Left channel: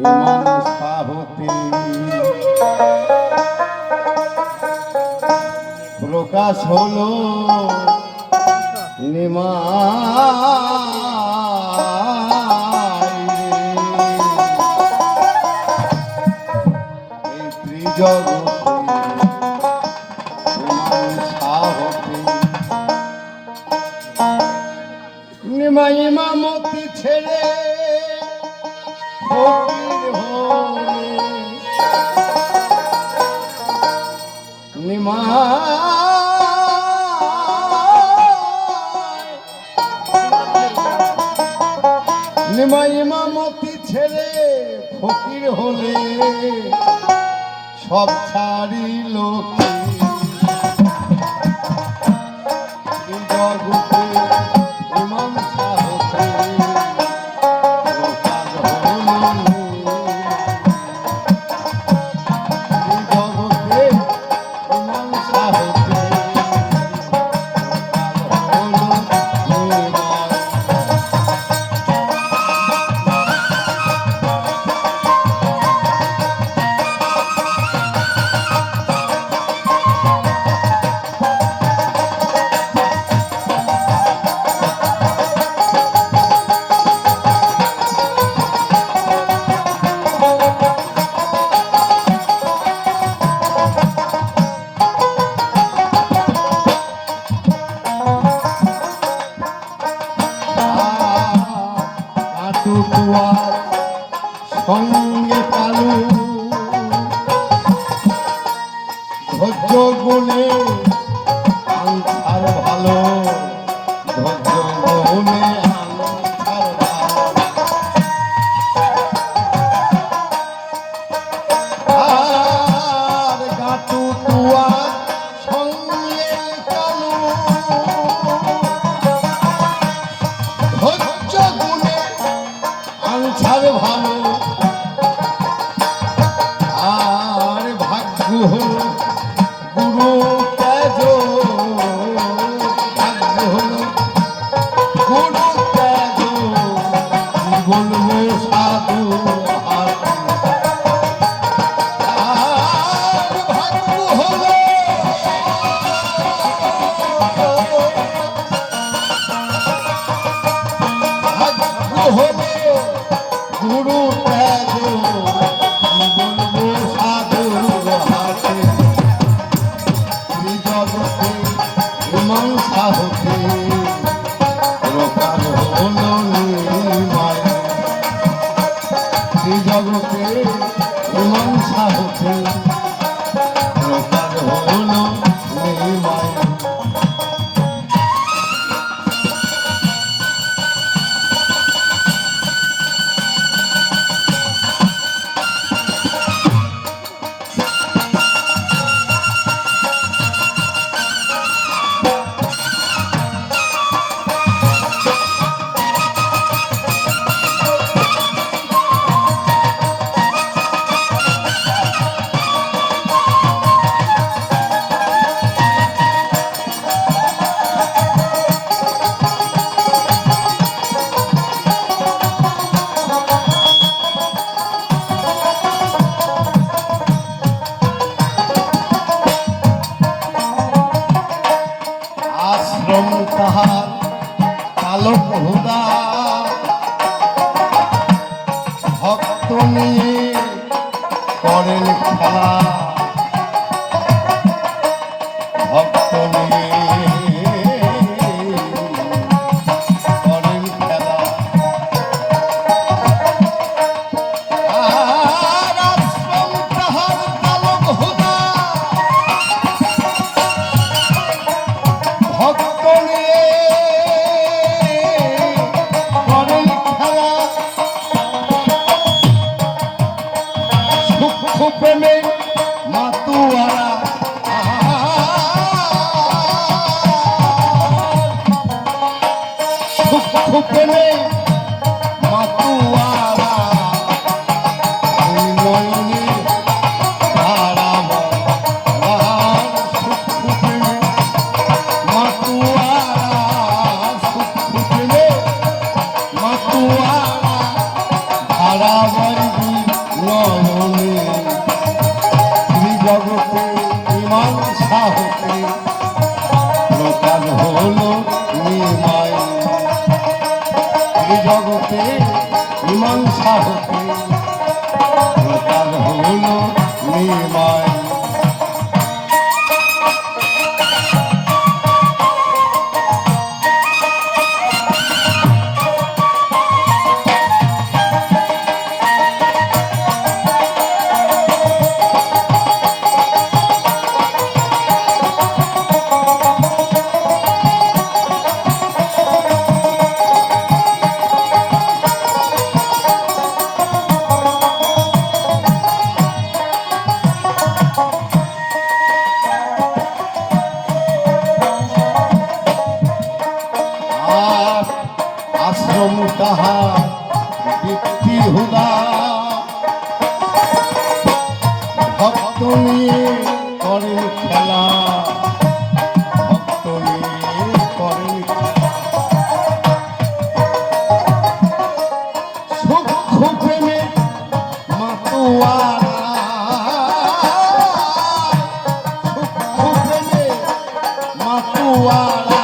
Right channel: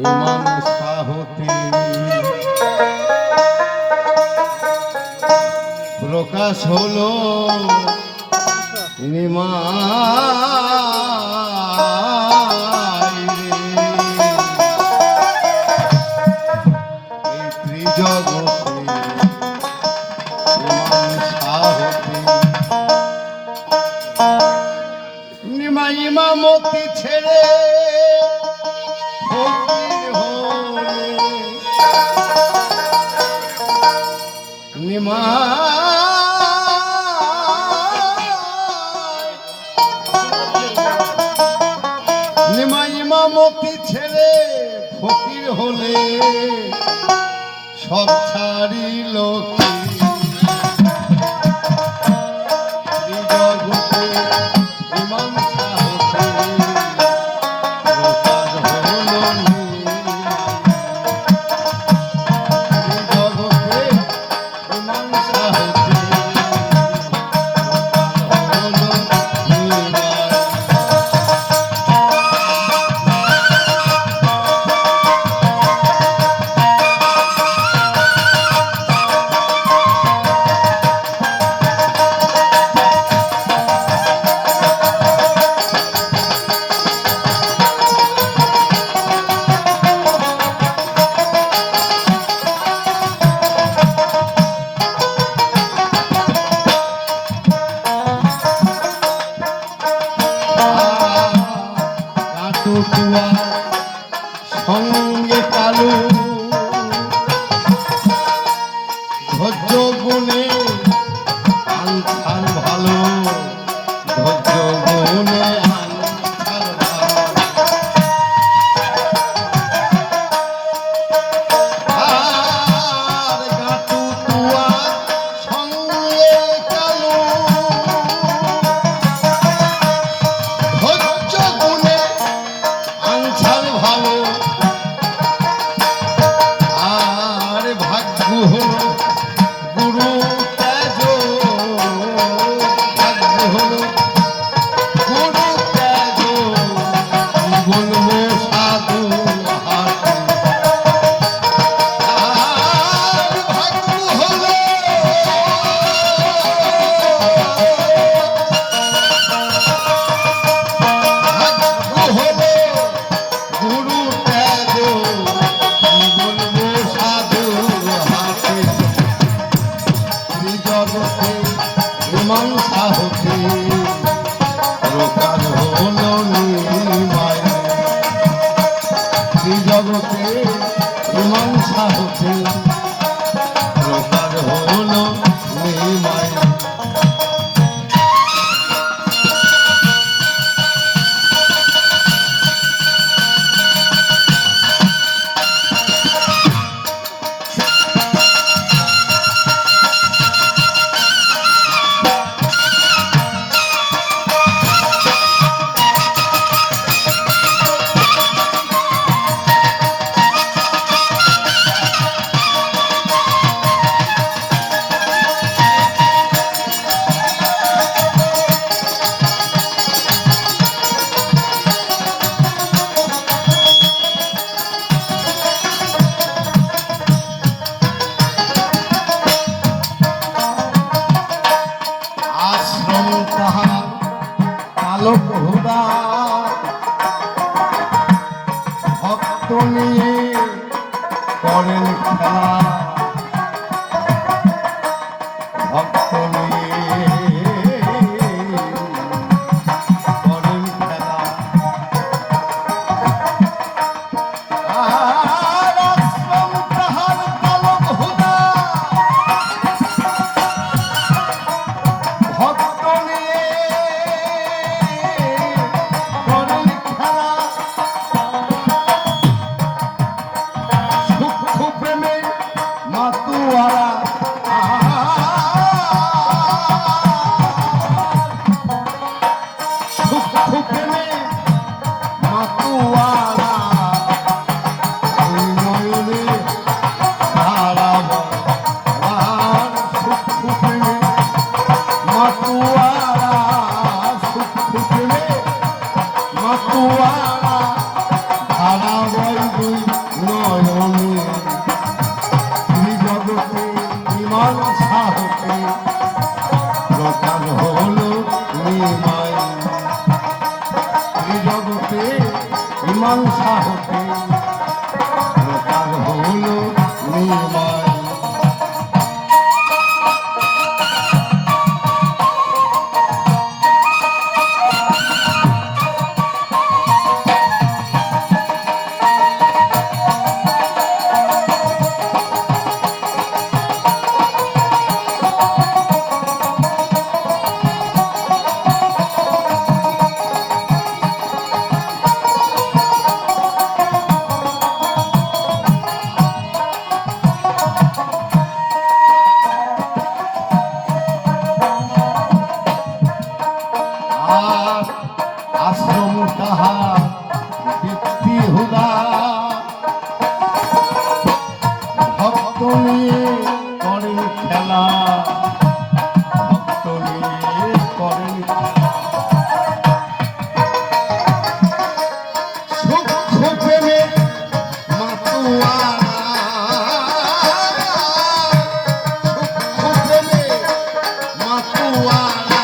ইমাম সাহতে প্রকাশ হলো নিমাই এই ত্রিজগতে ইমাম সাহতে নিমাই ইমামতি ছেড়ে ফকির হলে নিমাই ইমামতি ছেড়ে ফকির হলে সব ছাড়িল কি জগতে ইমাম সাহতে প্রকাশ হলো জগতে ইমাম সাহতে সঙ্গে কালু ধৈর্য গুণে আনসার ভালো ধৈর্য গুণে আনসার ভালো আর গাটু কুয়া সঙ্গে কালু ধৈর্য গুণে আনসার ভালো আর ভাগ্য হলো গুরু তেজ ভাগ্য হলো গুরু তেজ বলবো সাধু আর ভাগ্য হলো ভাগ্য হলো গুরু তেজ বলবো সাধু হাতে ত্রিজগতে ইমাম সাহতে প্রকাশ হলো নিমাই ত্রিজগতে ইমাম সাহতে প্রকাশ হলো নিমাই আশ্রম তাহার আলোক হুদা ভক্ত নিয়ে করেন খেলা ভক্ত নিয়ে করেন খেলা আর আশ্রম তাহার আলোক হুদা ভক্ত নিয়ে করেন খেলা সূক্ষ্ম প্রেমে মাতুয়ারা সূক্ষ্ম প্রেমে মাতুয়ারা মনে ধারাবা সূক্ষ্ম প্রেমে মাতুয়ারা সূক্ষ্ম প্রেমে মাতুয়ারা ধারাবাই মীমাংসা হতে প্রকার হল নিমাই। আশ্রম তাহার দীপ্তি হুদা, ভক্ত নিয়ে করেন খেলা, ভক্ত নিয়ে করেন সূক্ষ্ম প্রেমে মাতোয়ারা, সূক্ষ্ম প্রেমে মাতোয়ারা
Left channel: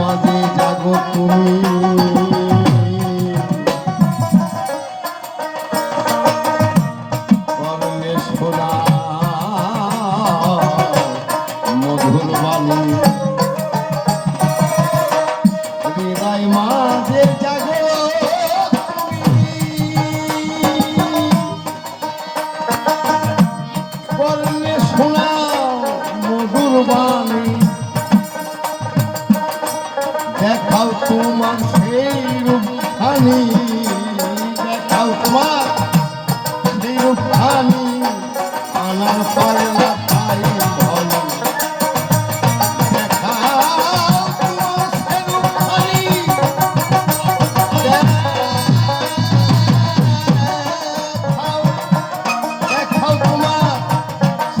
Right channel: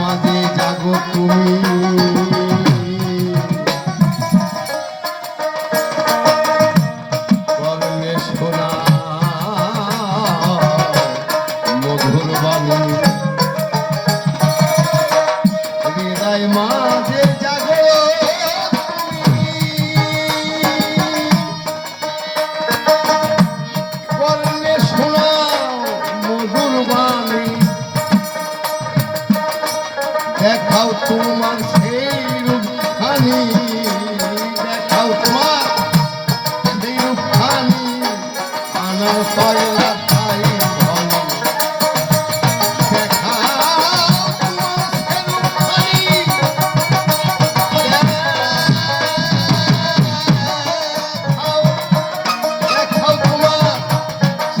মাঝে জাগো তুমি, কর্ণে শোনা মধুর বাণী, হৃদয় মাঝে জাগো কর্ণে শোনা মধুর বাণী, দেখাও তোমার সেই রূপখানি, দেখাও তোমার সেই রূপখানি, আনার কয়লা খাই ধনী, দেখাও তোমার সেই রূপখানি, দেখাও তোমার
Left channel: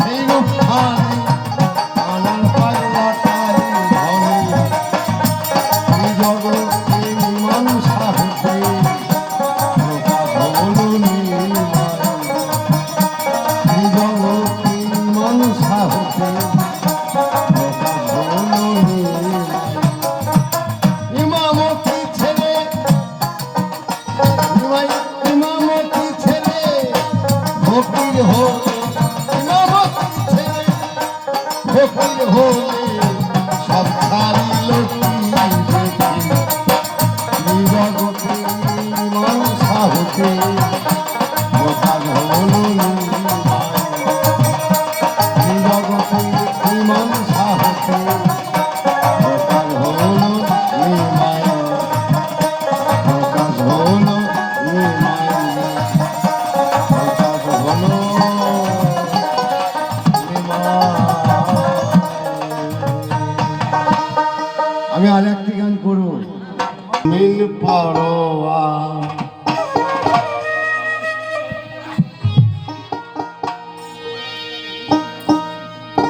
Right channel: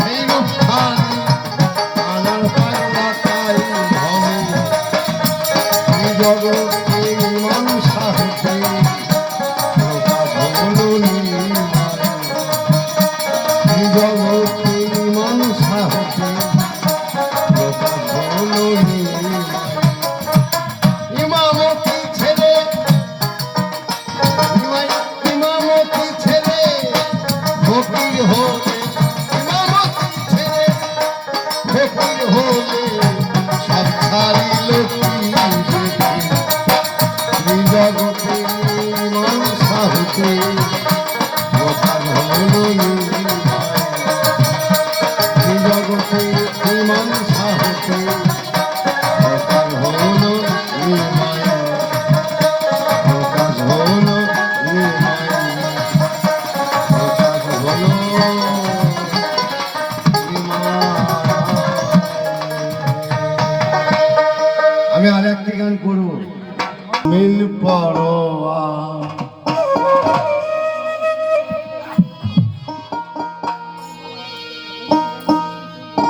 সেই রূপখানি, আনার কয়লা খাই ধনী, জগতে মীমাংসা হতে প্রকাশ হল নিমাই, জগতে মীমাংসা হতে প্রকাশ হল নিমাই। ইমামতি ছেলে ইমামতি ছেলে ফকির হলে, ইমামতি ছেলে ফকির হলে সব ছাড়িল জগতে মীমাংসা হতে প্রকাশ হল নিমাই, জগতে মীমাংসা হতে প্রকাশ হল নিমাই, প্রকাশ হল নিমাই, প্রকাশ হল নিমাই। আমি আর একটি গান করবো, নীল পরোয়া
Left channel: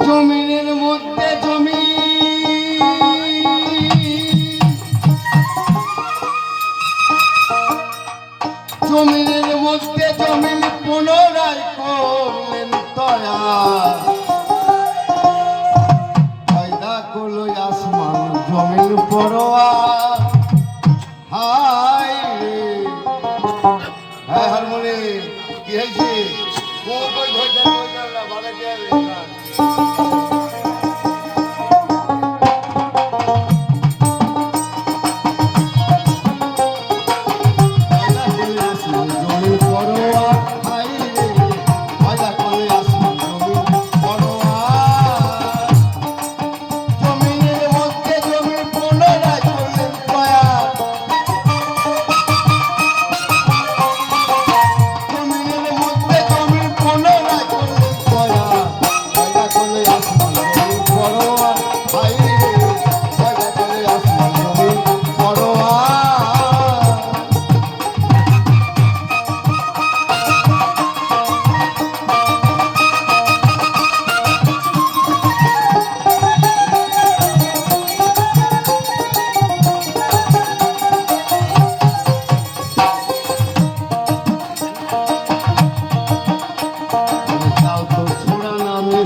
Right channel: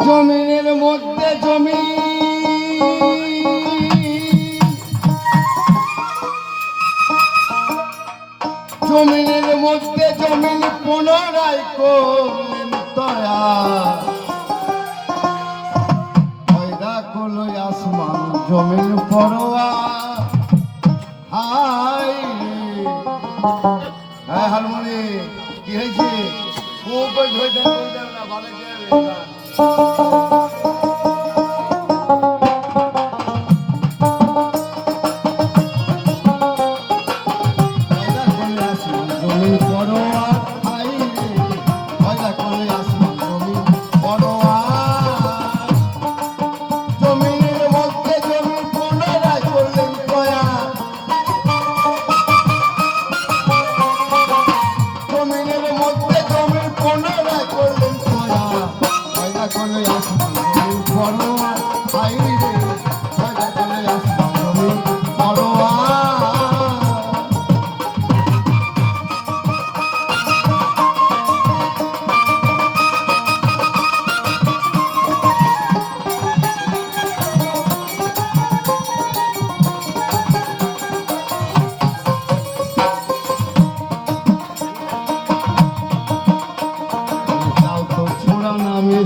জমিনের মধ্যে জমি, জমিনের মধ্যে জমিন পুনরায় করলেন তয়া, পয়দা করলেন করলো আসমান জমিন পরোয়া হাই হ্যাঁ হারমোনি কি হয়েছে কই ধরতে না বানাতে হবে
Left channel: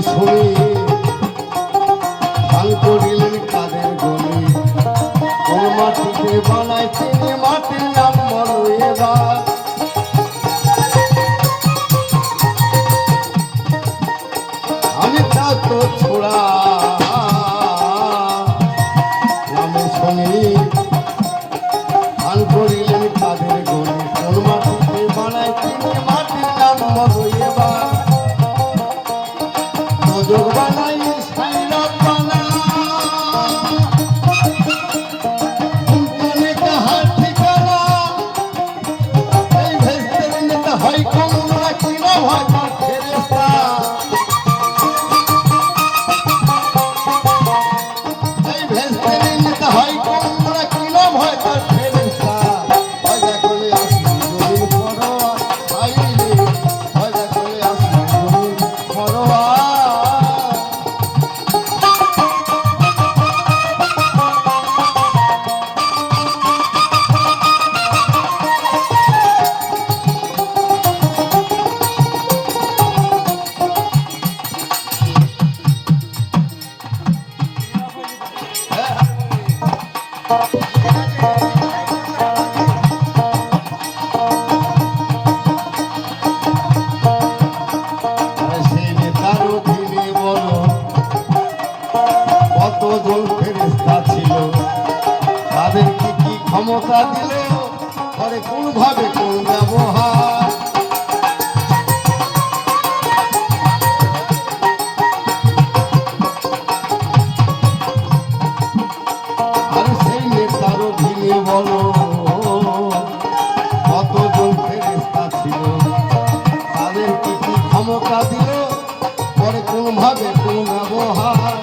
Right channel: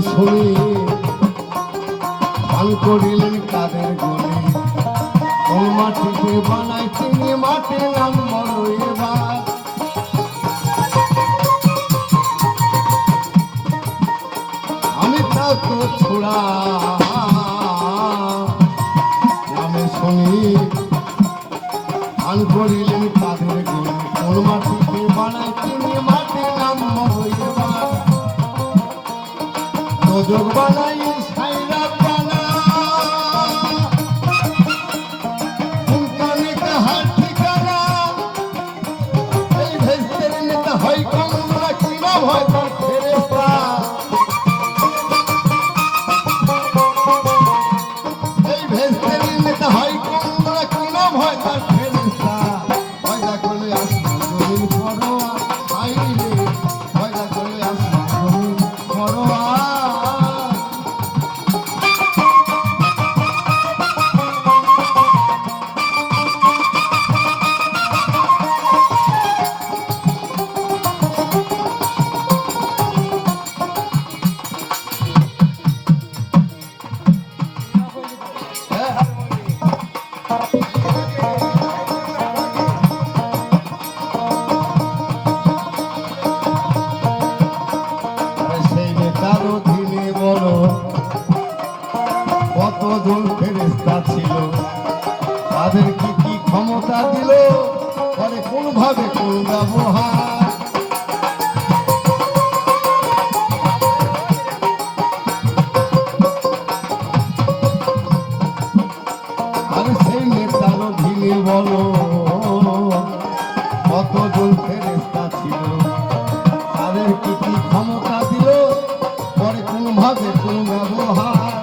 শুনি হাল করিলেন কাদের গলি কোন মাটিতে বানায় তিনি মাটির নাম বলো এবার আমি তা তো ছোড়া নামে শুনি হাল করিলেন কাদের গলি কোন মাটিতে বানায় তিনি মাটির নাম বলো এবার যোগ বানাই সাইরা বানা তুমি কাহার ঠিকানা এই ভেস্তে নিতে হয় কমরা কিনা ভয় পার ফেরেশতা এই ভেস্তে নিতে হয় কমরা কিনা ভয় পার ফেরেশতা ভজা করে আসি দুদিন পরোয়া আইলে ভজা করে আসি দুদিন পরোয়া কতজন ফেরেশতা ছিল তাদের কি কি ক্ষমতা দিল পরে কোন ভাবে কোন ব্যবহার আর সেই নেতার অধীনে বলো কতজন ফেরেশতা ছিল তাদের কি কি ক্ষমতা দিল পরে কোন ভাবে কোন ব্যবহার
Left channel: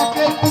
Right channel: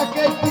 এক একটি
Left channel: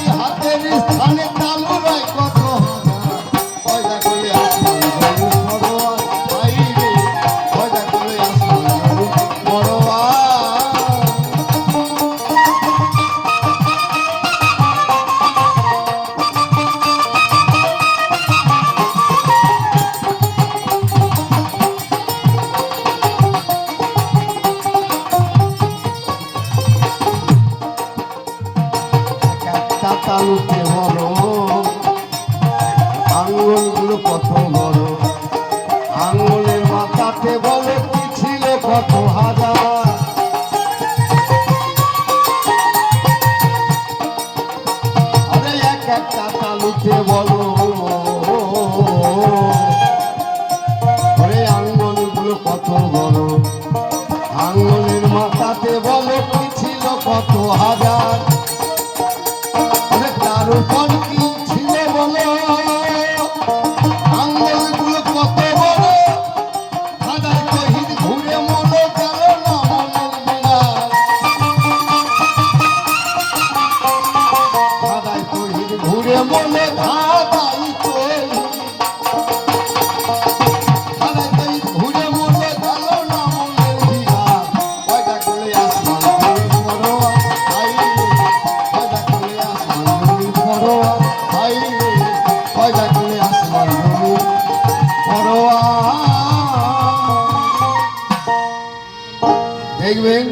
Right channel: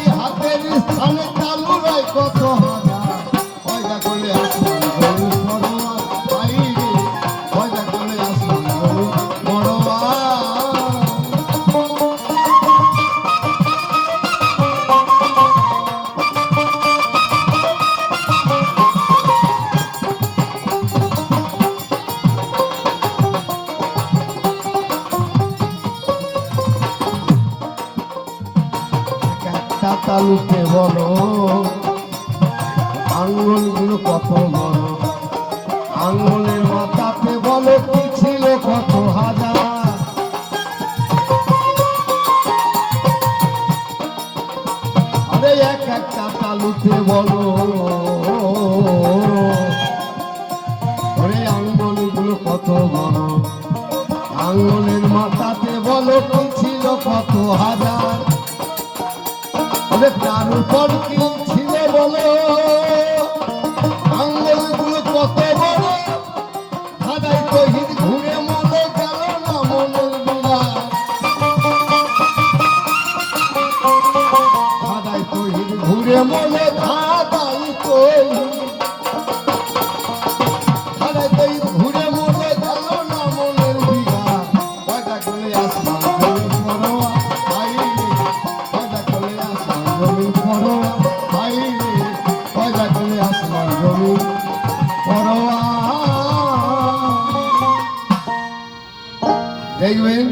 দেখবেন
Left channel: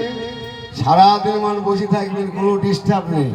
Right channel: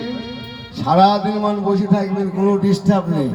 সারাদিন মান বসে থাকবেন, কোনো ডিস্টার্ব নেই।